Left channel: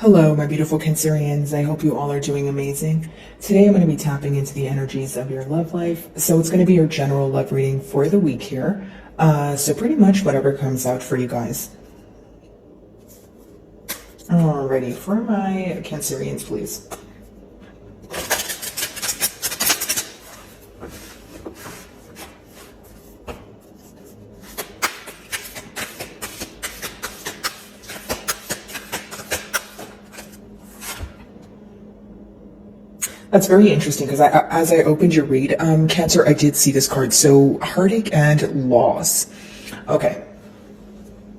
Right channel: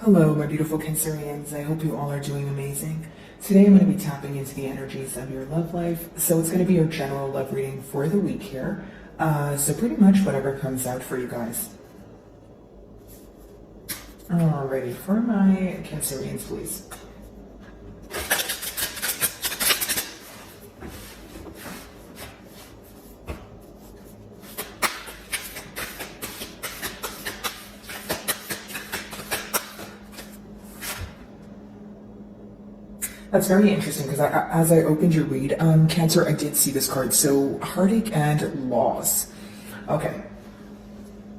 Hello, my beautiful Cancerians. I hope you all are doing amazing. Today I'm going to be tapping into the energies of your love life. So it's going to be your general love reading for the week here. So pretty much whatever comes out for you guys. Alrighty, for my Cancerians, please. That's very interesting because as I opened your read, Cancer, I did see this card. So heartache and loss. Okay.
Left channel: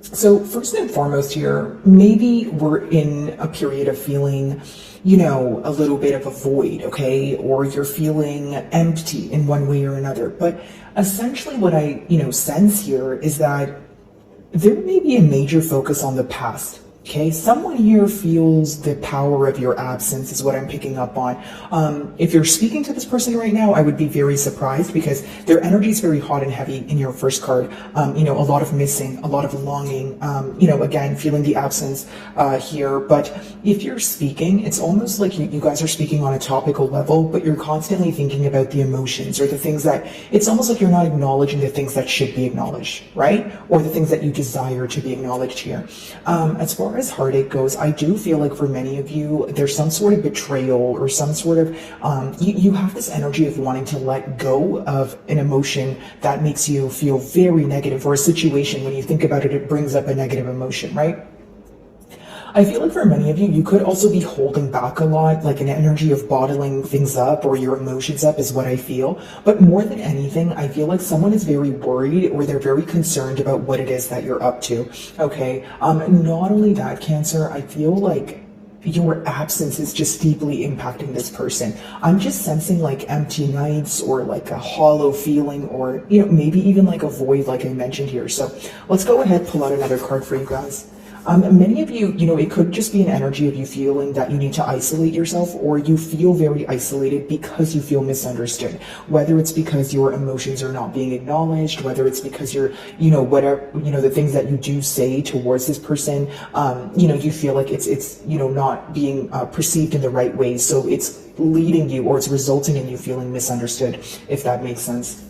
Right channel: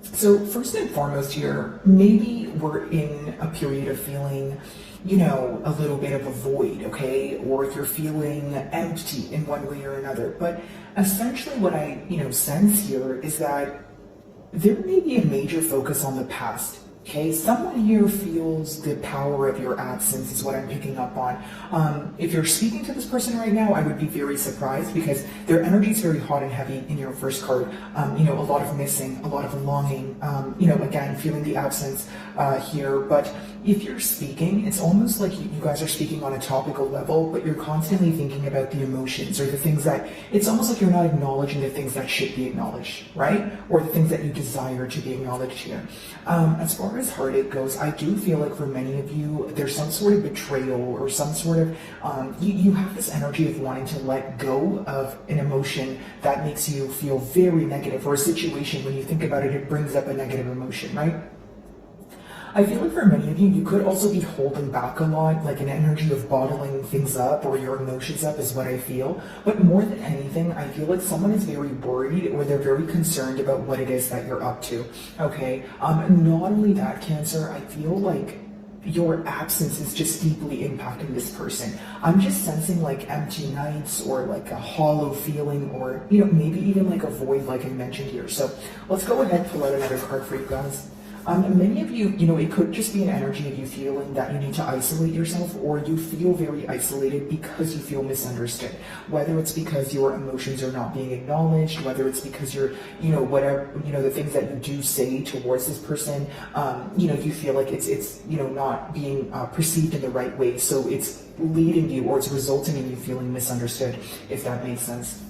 So first and foremost here, maybe we're in a period of feeling, a little bit of a void, okay? Or you're feeling empty in one way or another. But essentially what I, sense here is that there may be a major focus on the past. Okay, someone here feels the power of your absence is what I'm picking up on. If you're speaking to this person right now, I would be very surprised because their energy is very hot and heavy in your first card. A lot of missing, a lot of longing, again, feeling the absence here. But if you're speaking, it's almost like you guys are speaking on a topical level, but you're constantly thinking about the emotions or the things that, it's almost like you're not acknowledging the things that should be acknowledged, right? Or the things that you desire to be acknowledged here. As far as heartache goes, I do feel like for many of you, there's some sort of betrayal or some sort of, you have this energy of wanting to let go of an emotion that makes you feel very negative, or a situation, when you think about it, it brings up a negative emotion, right? I feel like for many of you, you could also be holding back a lot, like an energy of bottling things up or your emotions up is what I feel. But more than anything, I feel like someone is very worried or they're very concerned about what it is that you're up to, okay? Not only that, Cancer, I feel like your absence is just deeply impacting this person. I'm just sensing like empty nights or like a hollow feeling, or maybe even like a void, like I mentioned here. So let's go ahead and pull out another card for you guys. Many of you, it could just be an energy of you feeling that you need to isolate yourself, or you feel very isolated because you feel misunderstood. Whether it's because your emotions are not being acknowledged, whether it's because you're, whatever, the things that you do say towards this person, you feel like it's not being perceived in the right way. So it's leading you, or it's resulting in you feeling misunderstood, if that makes sense.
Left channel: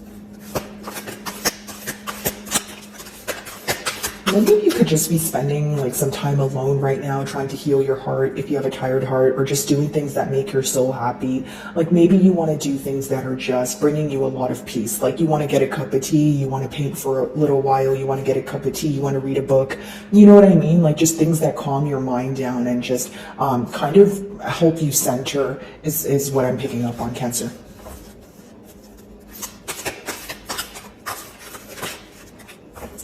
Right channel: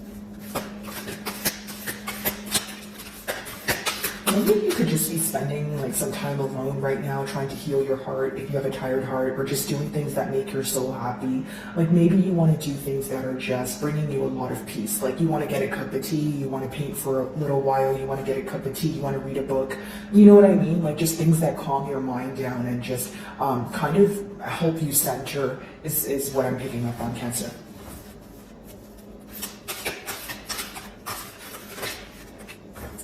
Maybe you could just be spending like some time alone right now, trying to heal your heart if you have a tired heart, or just doing things that make your soul happy. Like maybe you want to do things that are just bringing you a lot of peace. Like you want to get a cup of tea, you want to paint for a little while, you want to get a cup of tea, you want to read a book. You know what I mean? Like just things that calm your mind down and just kind of help you center is what I'm picking up on, Cancer.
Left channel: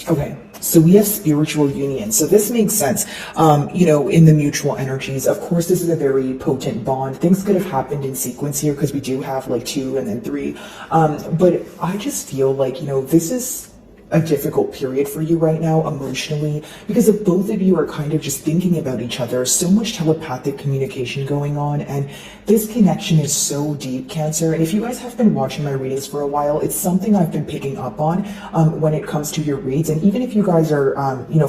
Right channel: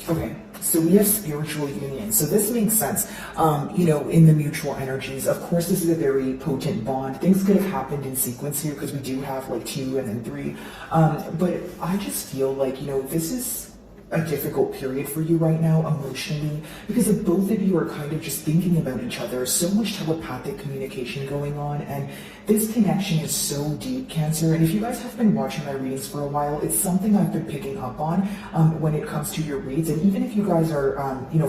Okay. So we have spiritual union. So this makes sense, in the mutual energies. Of course, this is a very potent bond. Things could have happened in sequence here because we do have like 2 and then 3. But I just feel like, this is a difficult period for you right now emotionally, because if both of you are kind of just thinking about each other, so much telepathic communication going on, and this connection is so deep, Cancer. And if you guys have been watching my readings for a while, it's something I've been picking up on when it comes to your reads. And even if you guys are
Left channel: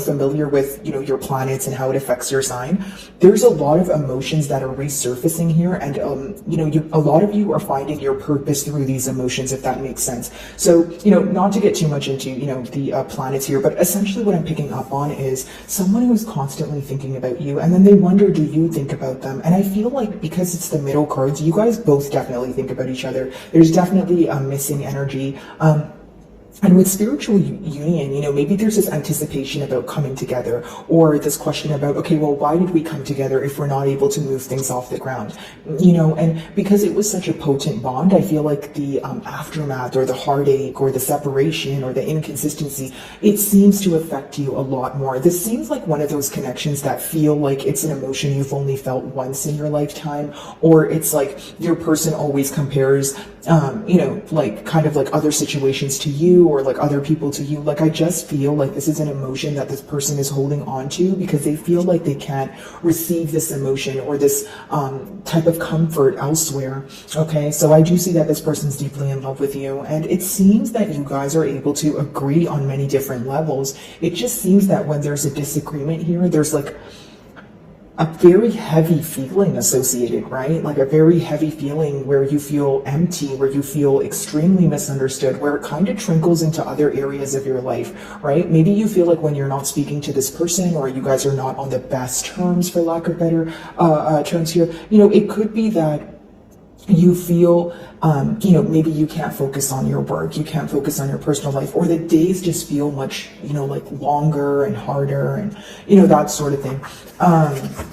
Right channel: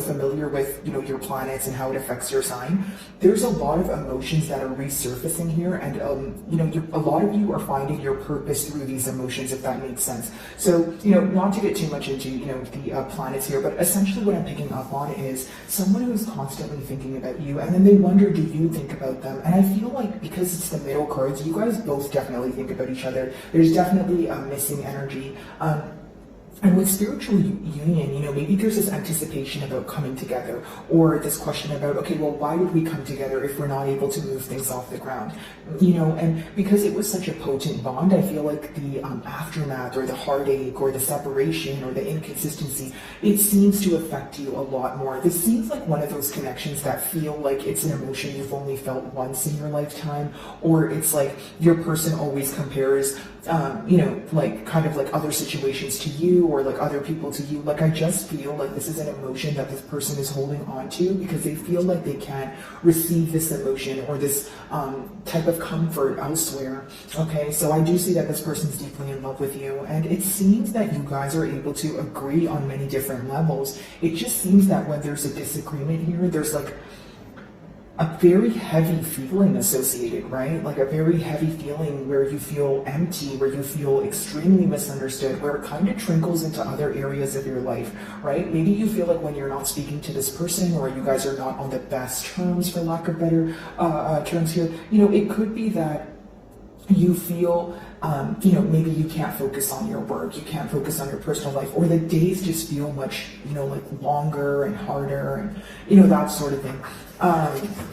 familiar with your planets and how it affects your sign, there's a lot of emotions that are resurfacing here, and a lot of you are finding your purpose through these emotions, if that makes sense. So not to get too much into the planets here, but essentially what I'm picking up on is someone who's constantly thinking about you, and then they wonder, do you think about them? And I feel like because it's the middle cards, you guys both definitely think about each other. There's definitely a missing energy. And with spiritual union, maybe there's this anticipation about coming together, or this question about, okay, well, why did we come together if we're not able to move things off the ground? And because it was such a potent bond, I feel like the aftermath or the heartache or the separation or the inconsistency, it seems to affect you a lot more. This seems like one of those connections that feel like it's an emotion you've only felt once in your lifetime, or it's like your person always compares, like kind of like other situations to you, or like other people to you. Like I just feel like this is an emotion that this person is holding on to because they feel like they can't receive this emotion or this type of comfort elsewhere. Okay, so I do see that this person's deeply in love with you, and it seems that you guys are able to agree on many different levels. It just seems that when there's a disagreement here, there's like a very heavy feeling associated, right? Like a very heavy feeling where you feel empty, where you feel extremely misunderstood, where it kind of trickles into other areas of your life, right? Maybe you feel like when you're not speaking to this person, or you guys are not on the best terms, for lack of better terms here, it could be that you feel, maybe you can't focus on your work, you can't focus on your personal life, or the days just feel much, like longer and harder and, that sort of thing.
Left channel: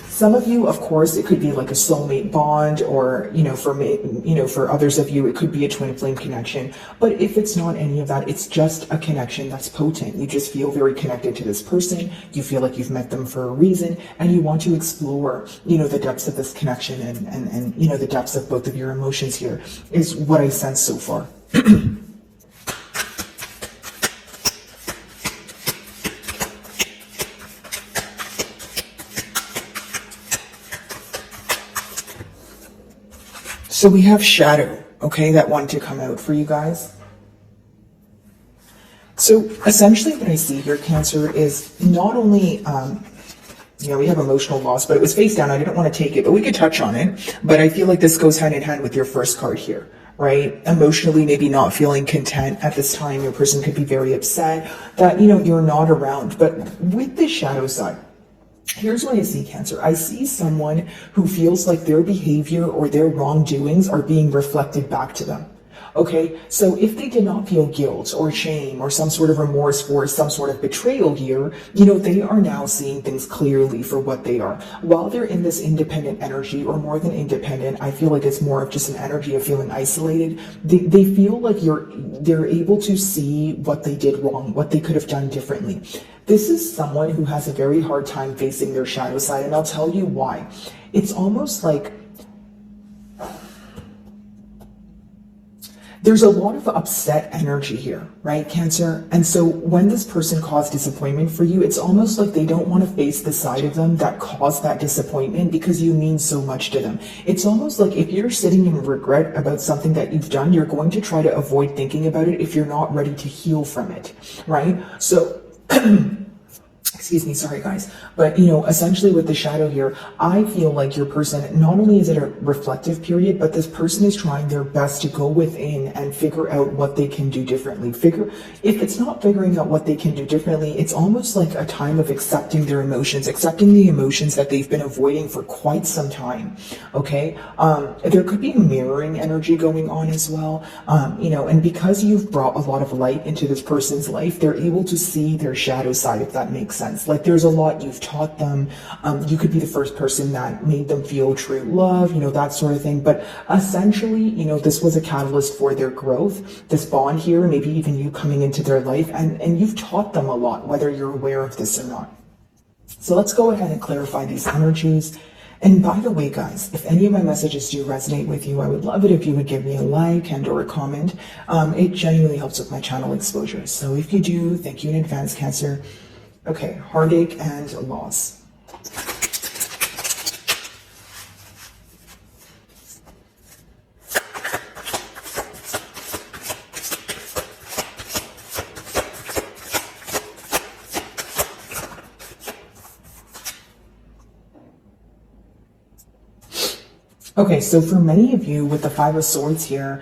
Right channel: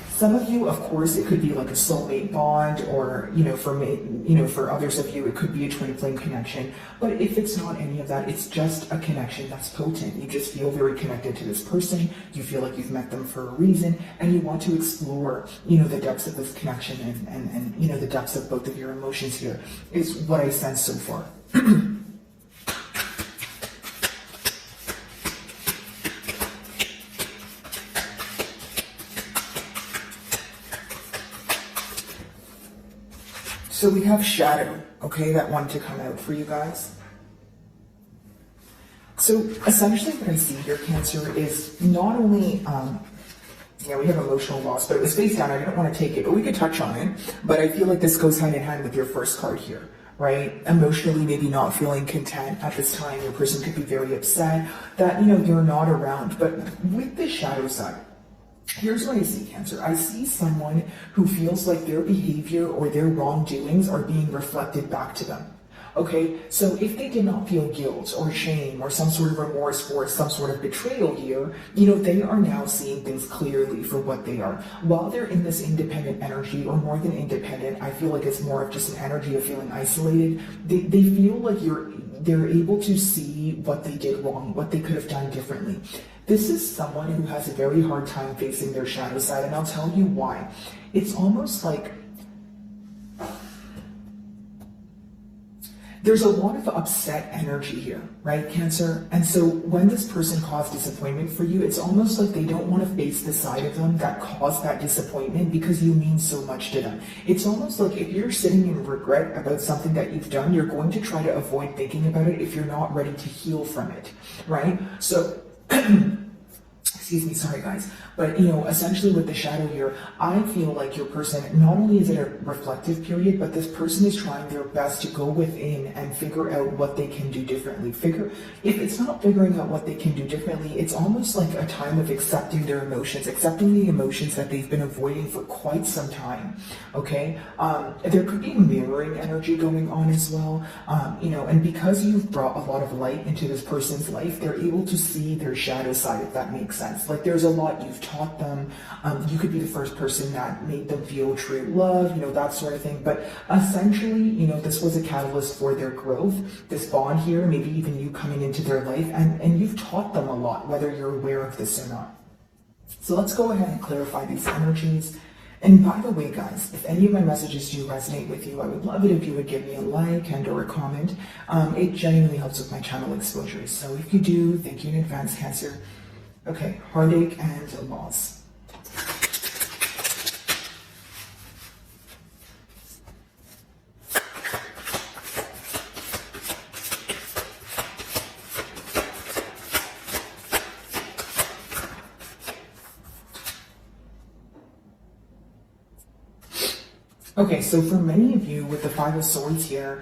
Some of you, of course, it could be like a soulmate bond, or, for me, for others of you, it could be a twin flame connection. But if it's not any of that, it's just a connection that's potent. You just feel very connected to this person. You feel like you've met them for a reason, and you want to explore, the depths of this connection and the depths of both of your emotions here is what I sense so far. So we have shadow, okay, that wanted to come out for you guys. So essentially what I see here, Cancer, is not only, we have emotional loss, but it was face down. I didn't want to take it, but we could touch on it. But I feel like this goes hand in hand with your first card here, right? Emotionally, maybe not feeling content at this time. Your person could be very upset that, you're not around. But with the shadow side, here's what I see, Cancer. I see someone who feels like their behavior or their wrongdoings are being reflected back to them. Okay, so if they did not feel guilt or shame or some sort of remorse for some sort of betrayal here, they are now seeing things clearly for what they are. While they're in this independent energy, or more than independent, I feel like it's more of just an energy of feeling isolated. They feel like they're able to see what they did wrong, what they could have done differently. This is someone who has a very hard time facing their shadow side, and I'll tell you why. It's almost like there's a lot of upset energy here, right, Cancer? And so when this person caused disappointment for you, it's almost like they don't want to face the side of them that caused that disappointment because you mean so much to them. It's almost like if you're sitting in regret about something that you've done, you're going to try to avoid thinking about it if you're not ready to heal from it, right? So excuse me, sorry guys, but essentially with the shadow here, I feel like your person, not only is it a reflective period, but this person is trying their best to go within and figure out what they can do differently. If it's not figuring out what they can do differently, it's almost like a time of accepting their emotions, accepting the emotions that they've been avoiding for quite some time, okay? There could be a mirroring energy going on as well, and because you've brought a lot of light into this person's life, they're able to see their shadow side, if that makes sense. Like there's a lot you've taught them. You could be the first person that made them feel true love, that sort of thing. But essentially, this was a catalyst for their growth, this bond here, maybe even you coming into their life, and you've taught them a lot, whether you're aware of this or not. So let's go ahead and clarify these energies. And by the way, guys, if any of my messages do resonate with you, I would love it if you would give me a like and or a comment. It genuinely helps with my channel exposure. So if you do, thank you in advance, Cancer. Okay, heartache and loss. Okay, so for many of you with the Five of Swords here,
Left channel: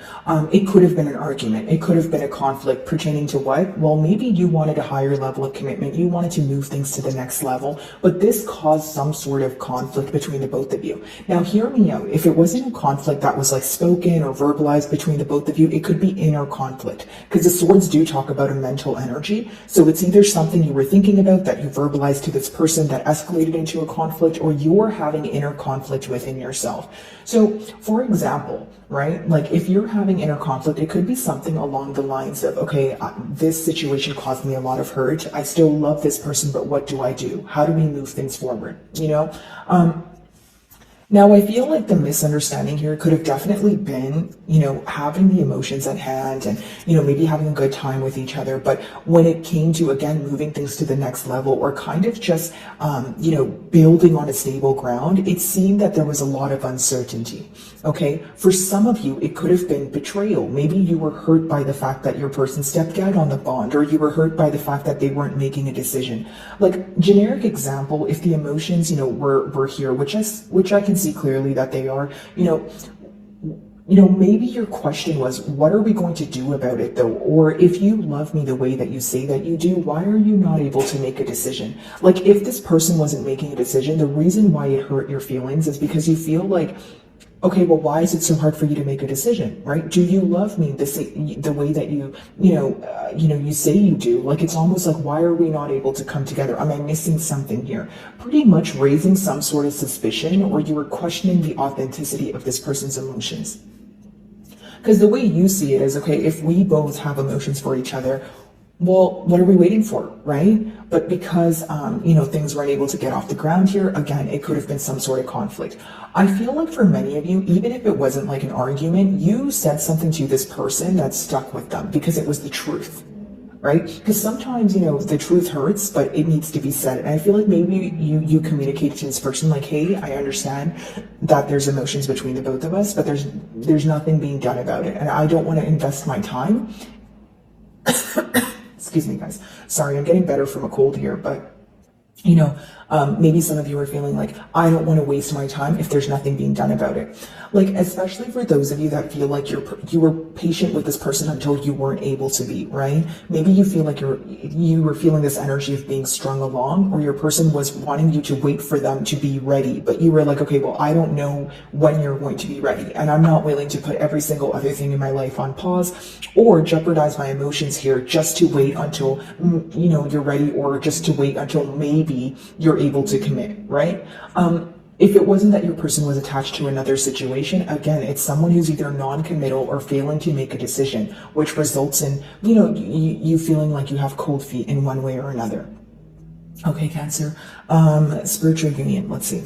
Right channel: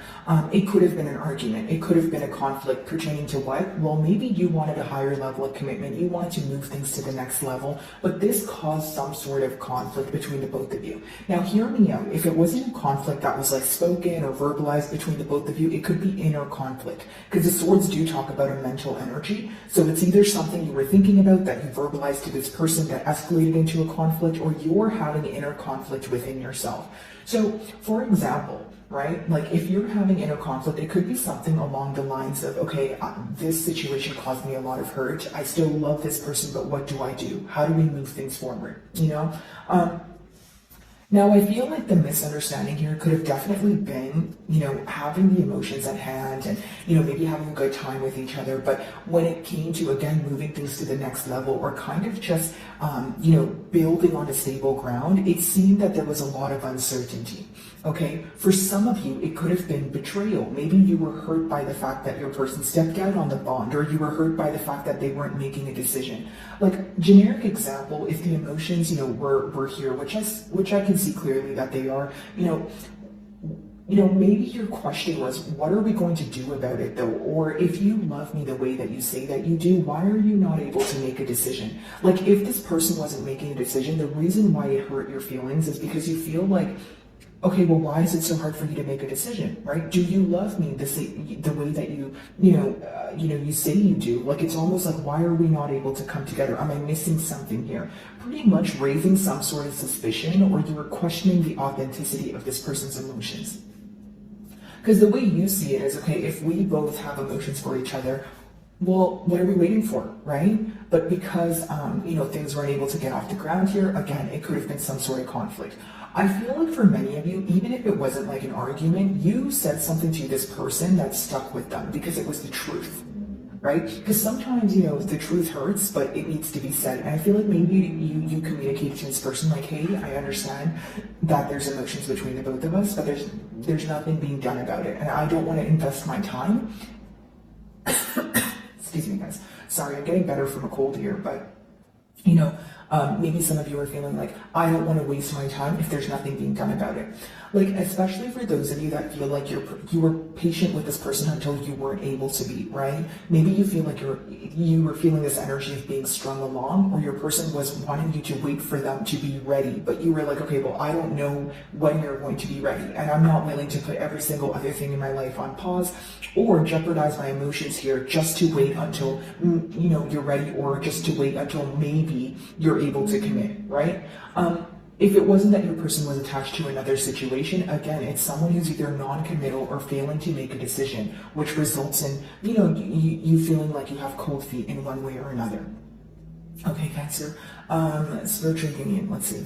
it could have been an argument. It could have been a conflict pertaining to what? Well, maybe you wanted a higher level of commitment. You wanted to move things to the next level, but this caused some sort of conflict between the both of you. Now, hear me out. If it wasn't a conflict that was like spoken or verbalized between the both of you, it could be inner conflict, because the swords do talk about a mental energy. So it's either something you were thinking about that you verbalized to this person that escalated into a conflict, or you're having inner conflict within yourself. So, for example, right, like if you're having inner conflict, it could be something along the lines of, okay, this situation caused me a lot of hurt. I still love this person, but what do I do? How do we move things forward? Now, I feel like the misunderstanding here could have definitely been, having the emotions at hand and, maybe having a good time with each other. But when it came to, again, moving things to the next level or kind of just, building on a stable ground, it seemed that there was a lot of uncertainty. Okay. For some of you, it could have been betrayal. Maybe you were hurt by the fact that your person stepped out on the bond, or you were hurt by the fact that they weren't making a decision. Like, generic example, if the emotions, were here, which I can see clearly that they are, maybe your question was, what are we going to do about it though? Or if you love me the way that you say that you do, why are you not able to make a decision? Like, if this person wasn't making a decision, the reason why it hurt your feelings is because you feel like, okay, well, why is it so hard for you to make a decision, right? Do you love me the way that you say you do? Like, it's almost like, why are we not able to come together? Am I missing something here? Pretty much raising some sort of suspicion, or you are questioning the authenticity of this person's emotions. Because the way you see it is, okay, if we both have emotions for each other, well, what are we waiting for, right? But because, things weren't able to get off the ground here, again, it could have been some sort of conflict. I feel like for many of you, even if it wasn't like an argument, you said something to this person that stuck with them because it was the truth, right? Because sometimes, the truth hurts, but it needs to be said. And I feel like maybe you communicated to this person like, hey, I understand that there's emotions between the both of us, but there's nothing being done about it. And I don't want to invest my time. Excuse me, guys. Sorry, I'm getting better from a cold here, but maybe some of you are feeling like, I don't want to waste my time if there's nothing being done about it. Like, especially for those of you that feel like you were patient with this person until you weren't able to be, right? Maybe you feel like you were feeling this energy of being strung along, or your person was wanting you to wait for them to be ready, but you were like, okay, well, I don't know when you're going to be ready, and I'm not willing to put every single other thing in my life on pause or jeopardize my emotions here just to wait until, you're ready, or just to wait until maybe you're able to commit, right? If it wasn't that your person was attached to another situation, again, it's someone who's either non-committal or failing to make a decision, which results in, you feeling like you have cold feet in one way or another. Okay, Cancer. Spiritual union, let's see.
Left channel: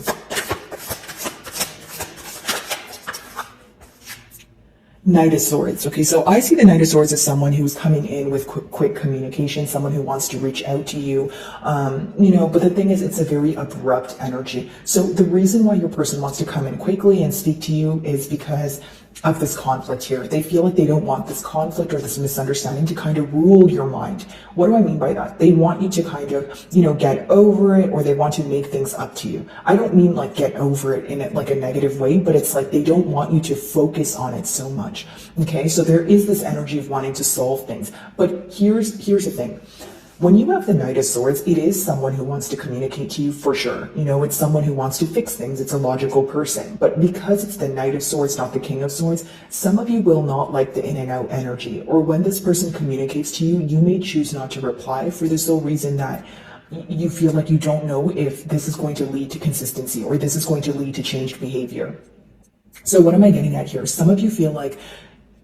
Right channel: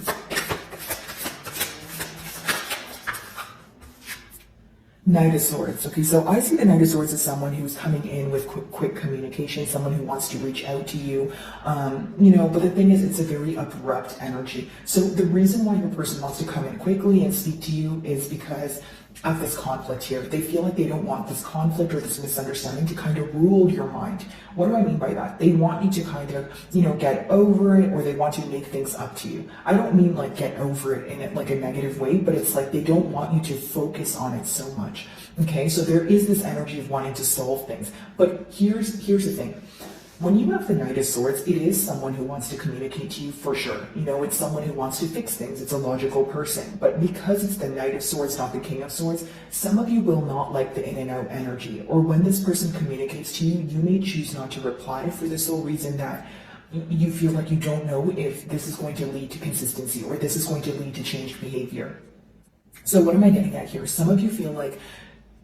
Knight of Swords. Okay, so I see the Knight of Swords as someone who's coming in with quick communication, someone who wants to reach out to you, but the thing is, it's a very abrupt energy. So the reason why your person wants to come in quickly and speak to you is because of this conflict here. They feel like they don't want this conflict or this misunderstanding to kind of rule your mind. What do I mean by that? They want you to kind of, get over it, or they want to make things up to you. I don't mean like get over it in like a negative way, but it's like they don't want you to focus on it so much. Okay, so there is this energy of wanting to solve things. But here's the thing. When you have the Knight of Swords, it is someone who wants to communicate to you for sure. It's someone who wants to fix things. It's a logical person. But because it's the Knight of Swords, not the King of Swords, some of you will not like the in and out energy. Or when this person communicates to you, you may choose not to reply for the sole reason that you feel like you don't know if this is going to lead to consistency or this is going to lead to changed behavior. So what am I getting at here? Some of you feel like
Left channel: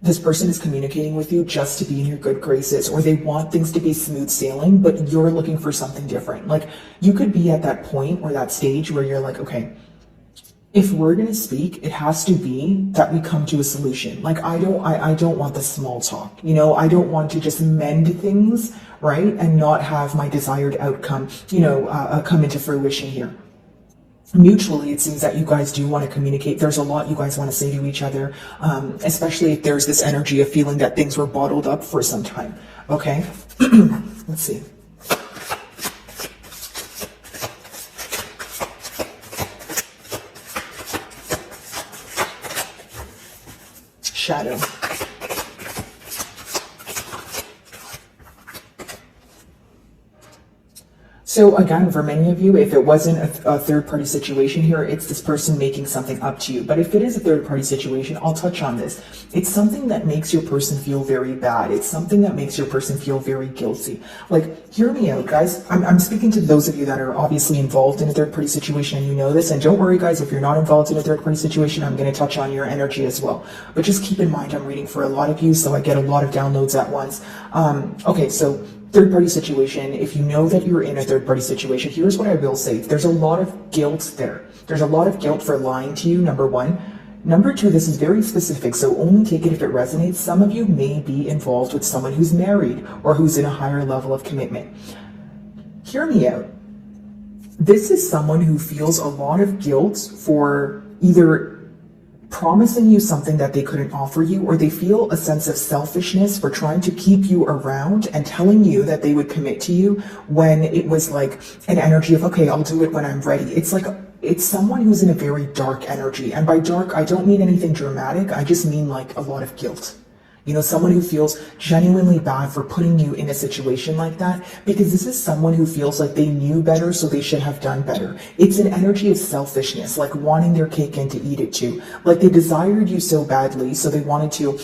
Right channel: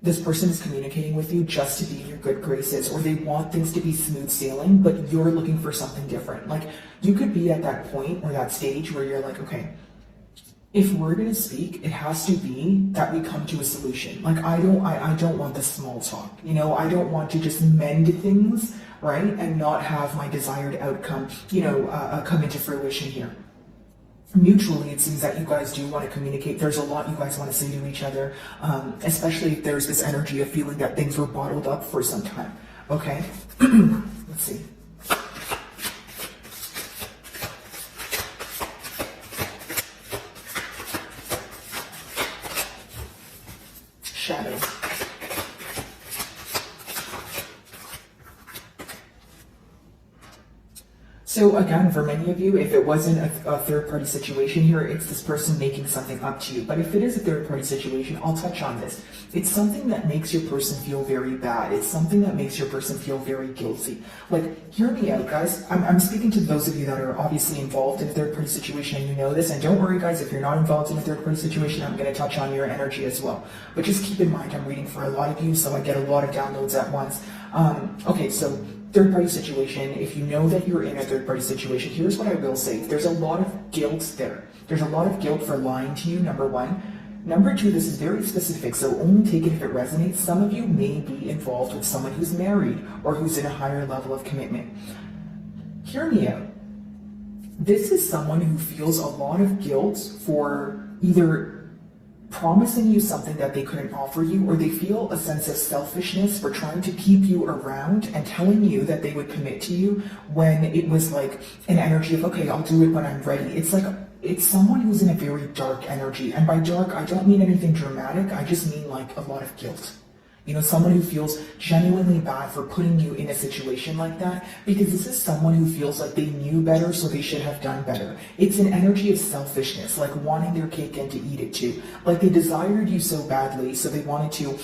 this person is communicating with you just to be in your good graces, or they want things to be smooth sailing, but you're looking for something different. Like, you could be at that point or that stage where you're like, okay, if we're going to speak, it has to be that we come to a solution. Like, I don't want the small talk. I don't want to just mend things, right? And not have my desired outcome, come into fruition here. Mutually, it seems that you guys do want to communicate. There's a lot you guys want to say to each other, especially if there's this energy of feeling that things were bottled up for some time. Okay, let's see. Shadow. So again, for many of you, if it wasn't a third-party situation here, it's this person making something up to you. But if it is a third-party situation, I'll touch on this. It's something that makes your person feel very bad. It's something that makes your person feel very guilty. Like, hear me out, guys. I'm speaking to those of you that are obviously involved in a third-party situation, and you know this. And don't worry, guys, if you're not involved in a third-party situation, I'm going to touch on your energy as well. But just keep in mind, I'm reading for a lot of you, so I get a lot of downloads at once. Okay, so third party situation, if you know that you're in a third party situation, here's what I will say. There's a lot of guilt there. There's a lot of guilt for lying to you, number one. Number two, this is very specific, so only take it if it resonates. Some of you may be involved with someone who's married or who's in a higher level of commitment. Hear me out. This is someone who feels a lot of guilt for either promising you something that they couldn't offer you, or they feel a sense of selfishness for trying to keep you around and telling you that they would commit to you when it was like an energy of, okay, I'll do it when I'm ready. It's like, it's someone who's in a very dark energy. And by dark, I don't mean anything dramatic. I just mean like a lot of guilt. You know, someone who feels genuinely bad for putting you in a situation like that, because this is someone who feels like they knew better, so they should have done better. It's an energy of selfishness, like wanting their cake and to eat it too. Like they desired you so badly, so they wanted to,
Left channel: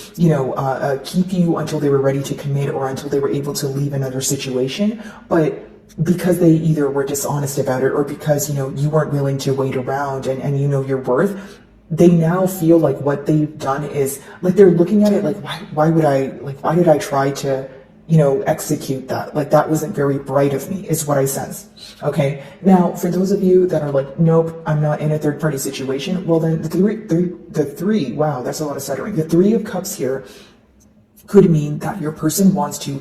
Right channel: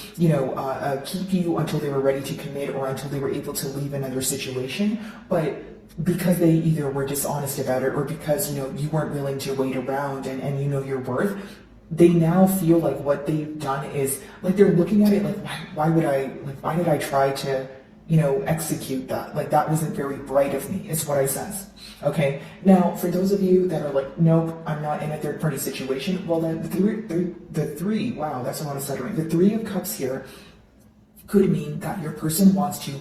keep you until they were ready to commit or until they were able to leave another situation. But because they either were dishonest about it or because, you weren't willing to wait around and you know your worth, they now feel like what they've done is like they're looking at it like, why did I try to, execute that? Like that wasn't very bright of me, is what I sense. Okay. Now, for those of you that are like, nope, I'm not in a third party situation. Well, then the three, wow, that's a lot of stuttering. The Three of Cups here could mean that your person wants to,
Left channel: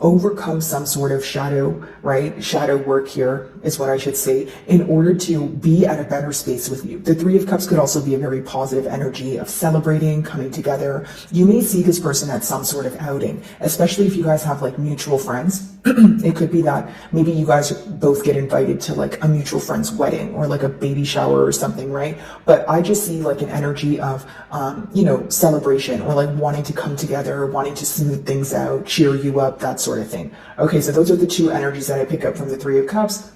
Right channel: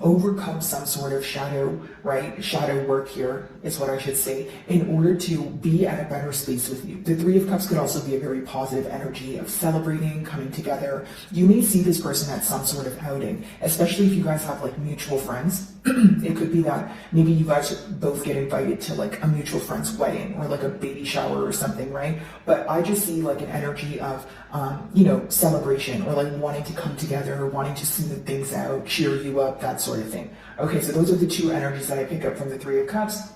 overcome some sort of shadow, right? Shadow work here is what I should say, in order to be at a better space with you. The Three of Cups could also be a very positive energy of celebrating, coming together. You may see this person at some sort of outing, especially if you guys have like mutual friends. It could be that maybe you guys both get invited to like a mutual friend's wedding or like a baby shower or something, right? But I just see like an energy of, celebration or like wanting to come together, wanting to smooth things out, cheer you up, that sort of thing. Okay, so those are the two energies that I pick up from the Three of Cups.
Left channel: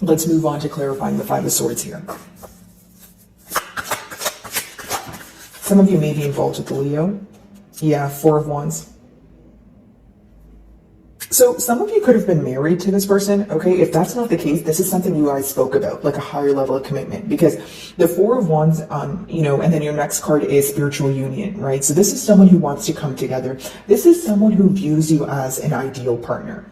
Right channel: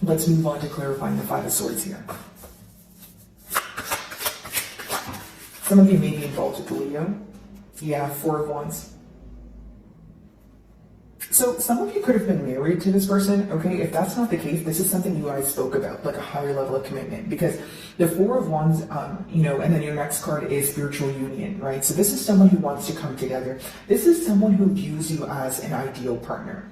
Let's move on to clarifying the Five of Swords here. Some of you may be involved with the Leo. Yeah, Four of Wands. So some of you could have been married to this person, okay? If that's not the case, this is something you guys spoke about, like a higher level of commitment, because the Four of Wands, and then your next card is spiritual union, right? So this is someone who wants to come together. This is someone who views you as an ideal partner.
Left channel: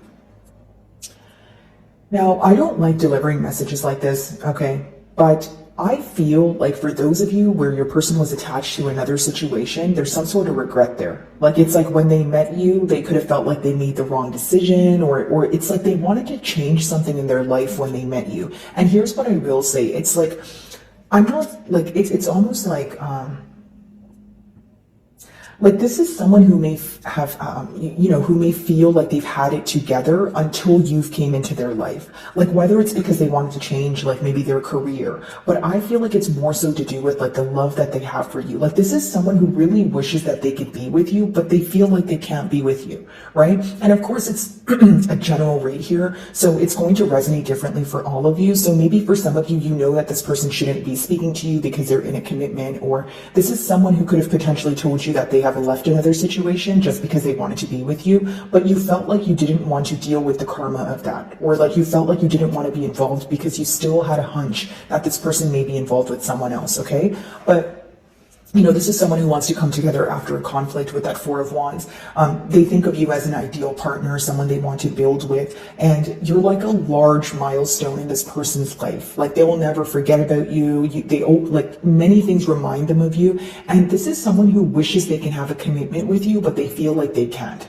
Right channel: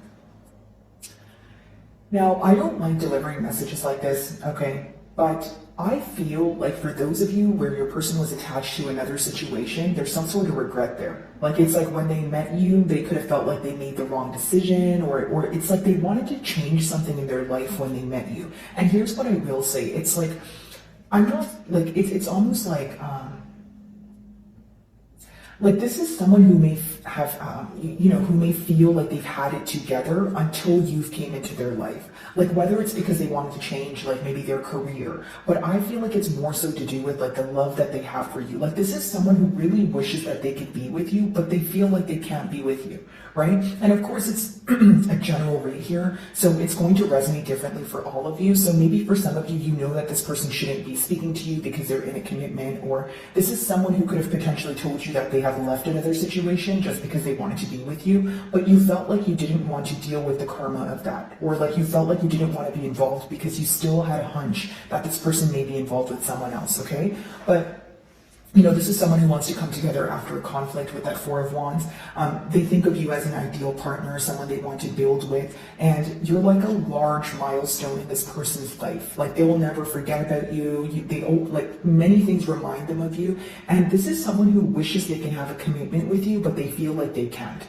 Now, I don't like delivering messages like this, okay? But I feel like for those of you where your person was attached to another situation, there's some sort of regret there. Like it's like when they met you, they could have felt like they made the wrong decision, or it's like they wanted to change something in their life when they met you. And here's what I will say. It's like, I'm not like, it's almost like this is someone who may have, who may feel like they've had it together until you've came into their life. Like whether it's because they wanted to change, like maybe their career, but I feel like it's more so to do with like the love that they have for you. Like this is someone who really wishes that they could be with you, but they feel like they can't be with you, right? And of course it's a general rate here, so it's going to resonate differently for all of you. So maybe for some of you, you know that this person shouldn't be speaking to you because they're in a commitment, or this is someone who could have potentially told you that they have left another situation just because they wanted to be with you, but you felt like you didn't want to deal with the karma of that, or like you felt like you didn't want to be involved because you still had a hunch that this person may be involved with someone else, okay? But this is someone who wants to come together after a conflict with that Four of Wands. They think of you as an ideal partner, someone they want to build with, and you're like a large milestone in this person's life. Like they will never forget about you. Like many things remind them of you. And this is someone who wishes they can have a commitment with you, but they feel like they can't.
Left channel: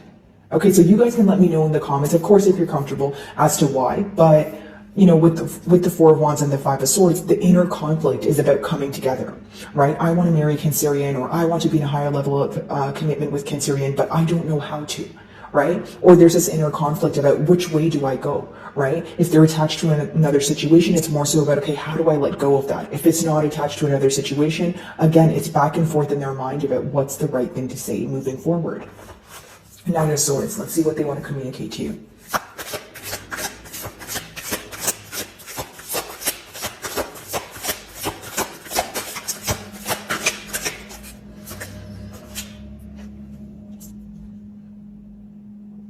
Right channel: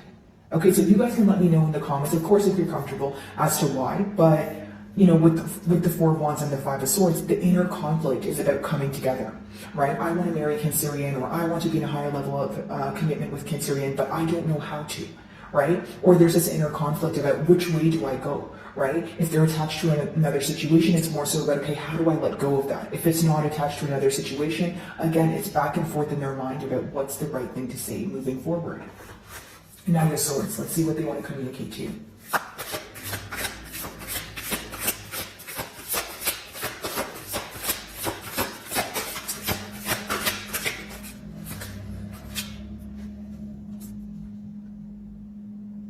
Okay, so you guys can let me know in the comments, of course, if you're comfortable, as to why. But with the Four of Wands and the Five of Swords, the inner conflict is about coming together, right? I want to marry Cancerian, or I want to be in a higher level of commitment with Cancerian, but I don't know how to, right? Or there's this inner conflict about which way do I go, right? If they're attached to another situation, it's more so about, okay, how do I let go of that? If it's not attached to another situation, again, it's back and forth in their mind about what's the right thing to say moving forward. Nine of Swords, let's see what they want to communicate to you.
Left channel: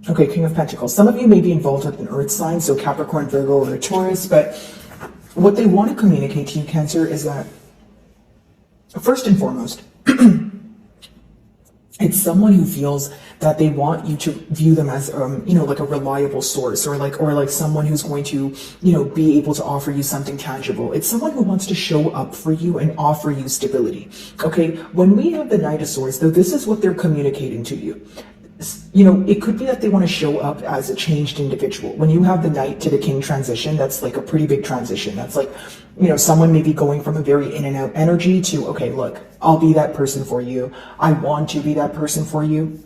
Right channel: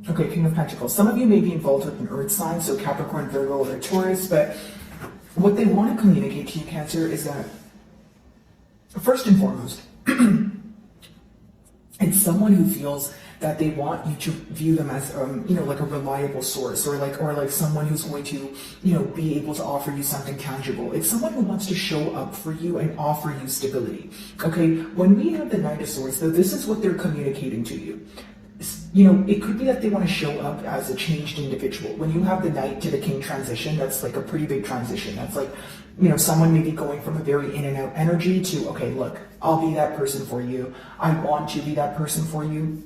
Okay, King of Pentacles. Some of you may be involved with an earth sign, so Capricorn, Virgo, or Taurus, but what they want to communicate to you, Cancer, is that, first and foremost, it's someone who feels that they want you to view them as, like a reliable source, or like someone who's going to, be able to offer you something tangible. It's someone who wants to show up for you and offer you stability. Okay, when we have the Knight of Swords, though, this is what they're communicating to you. It could be that they want to show up as a changed individual. When you have the Knight to the King transition, that's like a pretty big transition. That's like, someone may be going from a very in and out energy to, okay, look, I'll be that person for you. I want to be that person for you.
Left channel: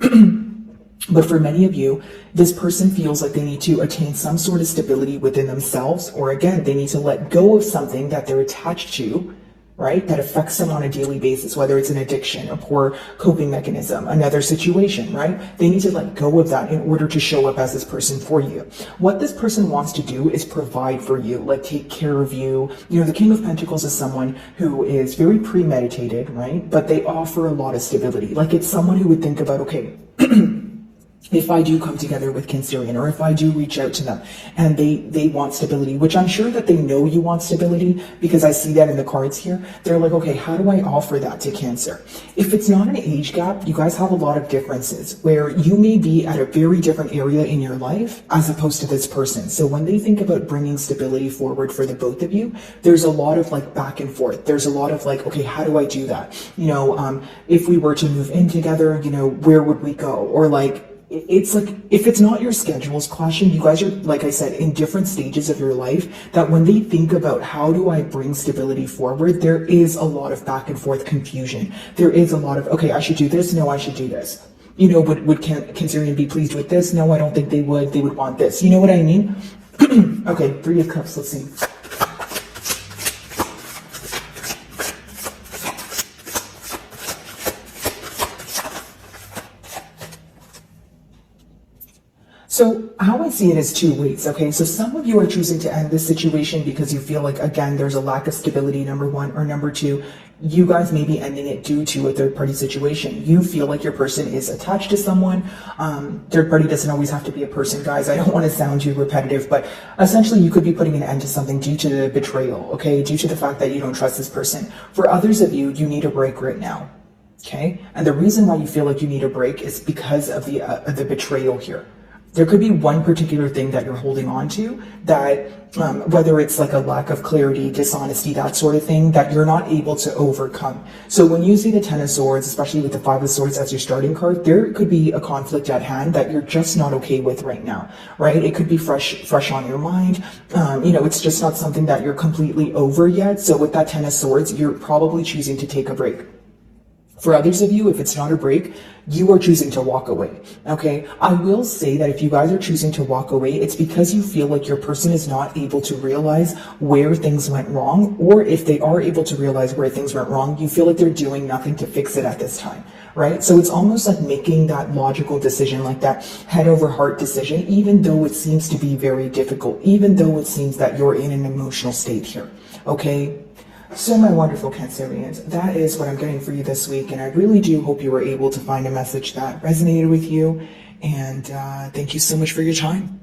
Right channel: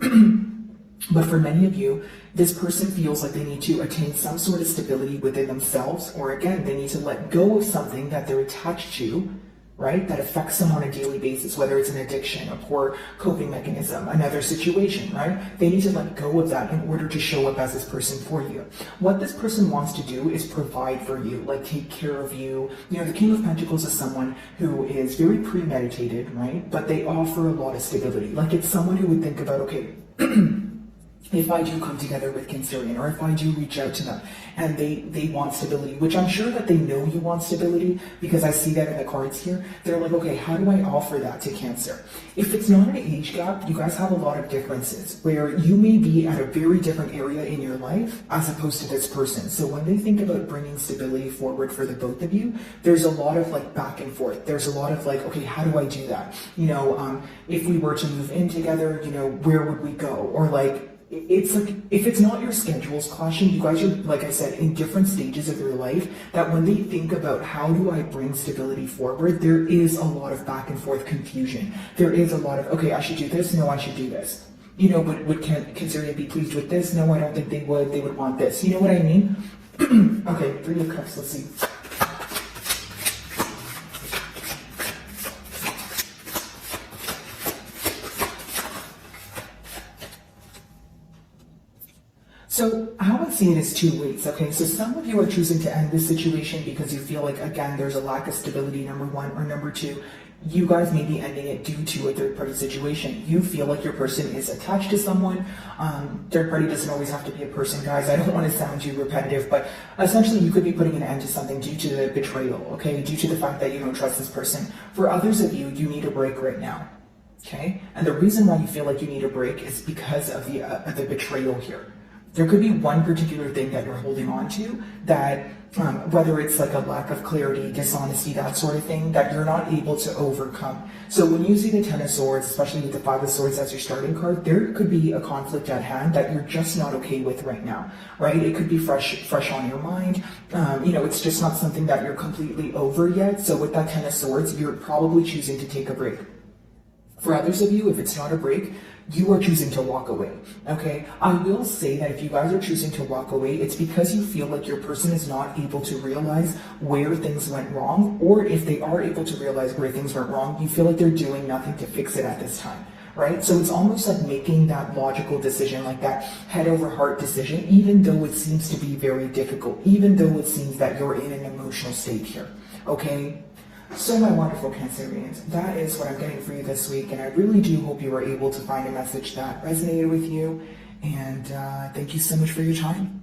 But for many of you, this person feels like they need to attain some sort of stability within themselves, or again, they need to let go of something that they're attached to, right? That affects them on a daily basis, whether it's an addiction, a poor coping mechanism, another situation, right? They need to let go of that in order to show up as this person for you. What this person wants to do is provide for you, like take care of you. The King of Pentacles is someone who is very premeditated, right? But they offer a lot of stability. Like it's someone who would think about, okay, if I do come together with Cancerian, or if I do reach out to them and they want stability, which I'm sure that they know you want stability, because I see that in the cards here. They're like, okay, how do I offer that to Cancer? If it's not an age gap, you guys have a lot of differences where you may be at a very different area in your life as opposed to this person. So when they think about bringing stability forward for the both of you, there's a lot of like back and forth. There's a lot of like, okay, how do I do that? If we were to move in together, where would we go? Or like, it's like, if it's not your schedules clashing, you guys are, like I said, in different stages of your life, that when they think about how do I bring stability forward, there is a lot of back and forth confusion. There is a lot of, okay, I should do this. No, I should do this. Would Cancerian be pleased with this? No, I don't think they would. They would want this. You know what I mean? Okay, Three of Cups, let's see. So how I see it is two ways, okay? So some of you are choosing to end this situation because you feel like, again, there's a lack of stability, number one, or number two, you guys may be ending it due to a third-party situation. You feel like your person is attached to someone. Third party doesn't always have to be a person, guys. I don't want to sound too repetitive, but essentially you could be putting an end to something due to the betrayal, okay? Due to the fact that you don't trust this person. For others of you, you need a break right now, okay? And the reason why you feel like you need a break is because of the betrayal here. There could be one particular thing that you're holding on to that, whether it's like a lack of clarity, dishonesty, that sort of thing, that you're not able to overcome. So when you see the Ten of Swords, especially with the Five of Swords as your starting card, there could be a conflict at hand that you're just not okay with right now, right? It could be fresh on your mind. It's just not something that you're completely over yet. So with that Ten of Swords, you're probably choosing to take a break. For others of you, if it's not a break, you are choosing to walk away, okay? I will say that if you guys are choosing to walk away, it's because you feel like your person is not able to realize where things went wrong, or if they are able to realize where things went wrong, you feel like they're doing nothing to fix it at this time, right? So it's almost like making that logical decision, like that head over heart decision, even though it seems to be very difficult, even though it seems that you're in an emotional state here, okay? So my wonderful Cancerians, that is what I'm getting for you this week, and I really do hope you were able to find a message that resonated with you, and thank you so much for your time.